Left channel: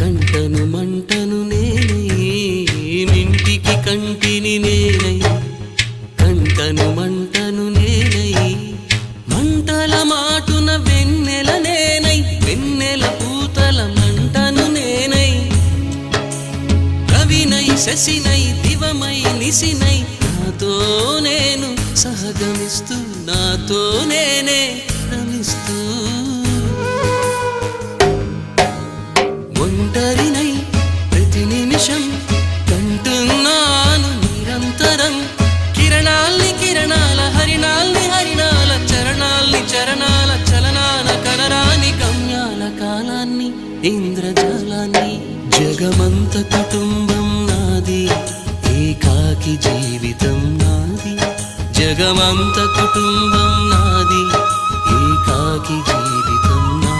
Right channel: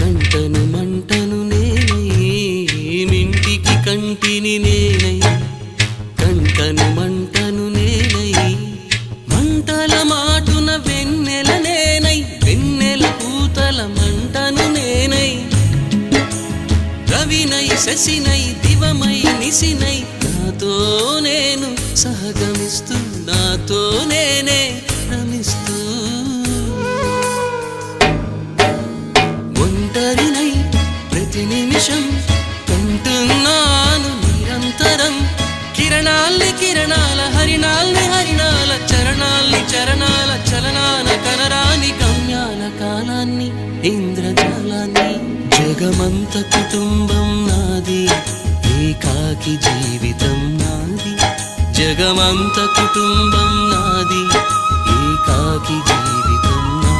కంటను మంటను నేనై మింటికి కంటిని నేనై కంటను మంటను నేనై మంటల మాటున వెన్నెల నేనై వెన్నెల పూతల మంటను నేనై రవినై శశినై దివమై నిశినై నాతో నేను సహగమిస్తూ నాతో నేనే రమిస్తూ ఒంటరినై ప్రతి నిమిషం కంటున్నాను నిరంతరం కిరణాల్ని కిరణాల హరిణాల్ని హరిణాల చరణాల్ని చరణాల చలనాన కనరాని గమ్యాల కాలాన్ని ఇంద్రజాలాన్ని జగమంత కుటుంబం నాది ఏకాకి జీవితం నాది జగమంత కుటుంబం నాది ఏకాకి జీవితం నాది